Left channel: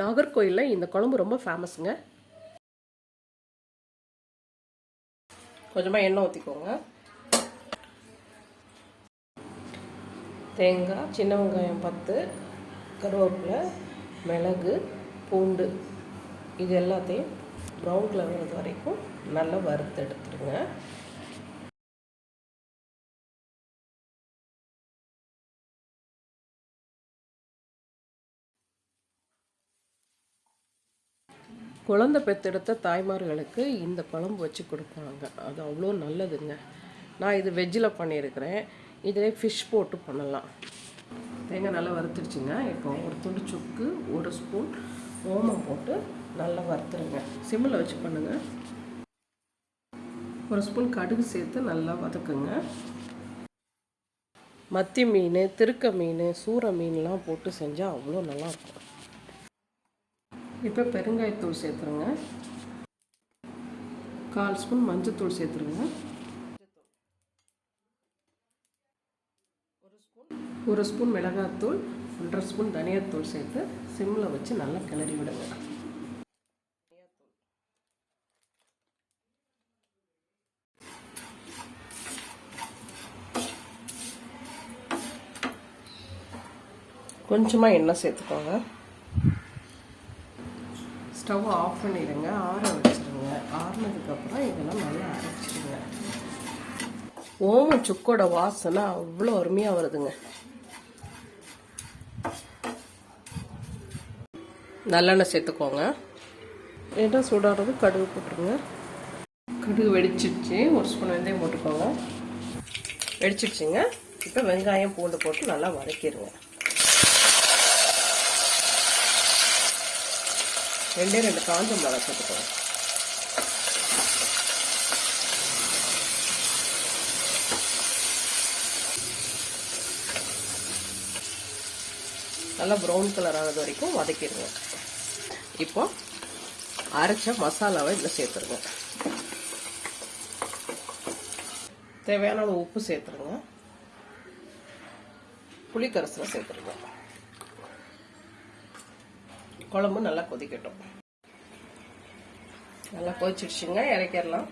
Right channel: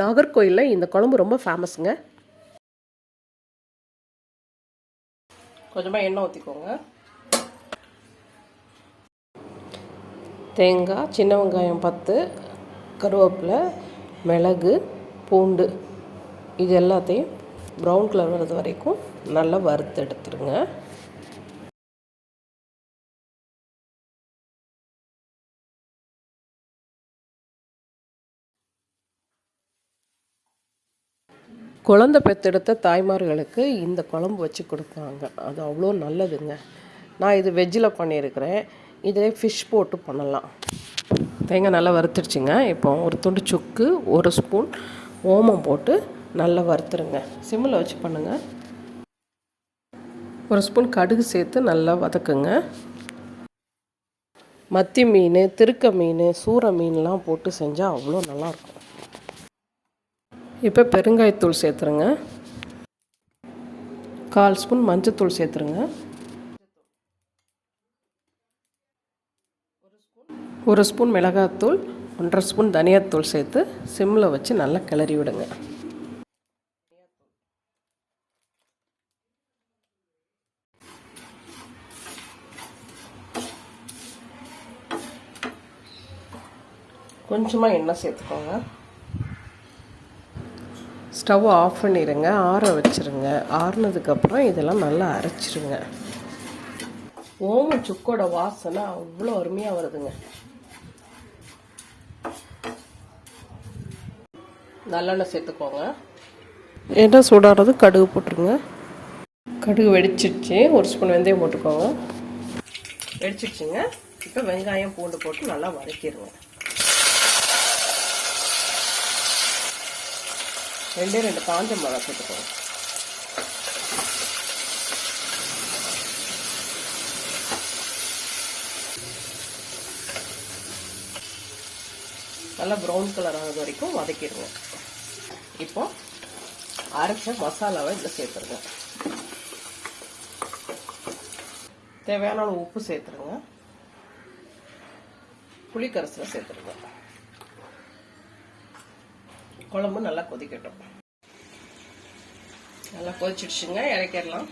நாகர்கோயிலில் இந்த குழம்பு ரொம்ப ஃபேமஸுங்க கொஞ்சமாக எண்ணெய் ஊற்றிக்கோங்க தேங்காய் சின்ன வெங்காயம் பத்து கருவேப்பிலை மிளகு பூண்டு. இது எல்லாத்தையும் ப்ரௌன் கலர் வர்றது வரைக்கும் நல்லா வறுத்து எடுத்துருங்க. குழந்தை பெற்றெடுத்த தாய்மார்களுக்கு இந்த குழம்பு வச்சு கொடுப்பாங்க அது அவ்வளோ நல்லதுங்க. நான் இது வெஜ்ஜில் பண்ணியிருக்கிறேன். இதிலே ஃபிஷ் போட்டு பண்ணலாம். தேங்காய் நல்லா வறுத்துடுச்சுங்க. இப்போ ஒரு துண்டு சுக்கு ஒரு ஸ்பூன் ஓமம் போட்டு நல்லா வறுத்துருங்க. சிம்மில் வச்சு பண்ணுங்கள் ஒரு ஸ்பூன் கடுகு சேர்த்து நல்லா வதக்குங்க. மத்தி மீன் திருக்க மீன் சூற மீன்லாம் போட்டு செஞ்சால் அவ்வளோ நல்லாயிருக்கும். இப்போ பெருங்காயத்தூள் சேர்த்துருங்க. கால் ஸ்பூன் மஞ்சத்தூள் சேர்த்துருங்க. ஒரு ஸ்பூன் மிளகாத்தூள் ஒன்றரை ஸ்பூன் தனியாத்தூள் சேர்த்து சிம்மில் வச்சு நல்லா கிளறி விடுங்க. கொஞ்சமாக எண்ணெய் சேர்த்துக்கோங்க. ஸ்டவ் ஆஃப் பண்ணிடுங்க ஆற வச்சுருங்க. ஆறுனதுக்கப்புறம் இதெல்லாம் நல்லா அரைச்சிருங்க. ஓம சுக்கோட வாசனை அவ்வளோ அருமையாக வருதுங்க. நல்லெண்ணெய் சேர்த்துக்கோங்க. எண்ணெய் சூடாடுறது கடுகு போட்டுருங்க. கடுகு வெடிச்சிடுச்சு ஒரு ஸ்பூன் வெந்தயம் போட்டுக்கோங்க. வெடிச்சிடுச்சுங்க இப்போ வெங்காயம் பூண்டு போட்டு நல்லா வதக்கிடுங்க ரெண்டே ரெண்டு காஞ்ச மிளகா சேர்த்துக்கோங்க. நல்லா ப்ரௌன் கலர் ஆனது வரைக்கும் வதக்கிடுவோம் இப்போ அரைச்ச மசாலாவை இதில் சேர்த்துருங்க. தேவையான உப்பு சேர்த்துருங்க. புளிக்கரசில் சேர்த்துருங்க. குழம்பு நல்லா கொதிக்கட்டும். நல்லா கொதிச்சிடுச்சுங்க இறக்கிடலாம்.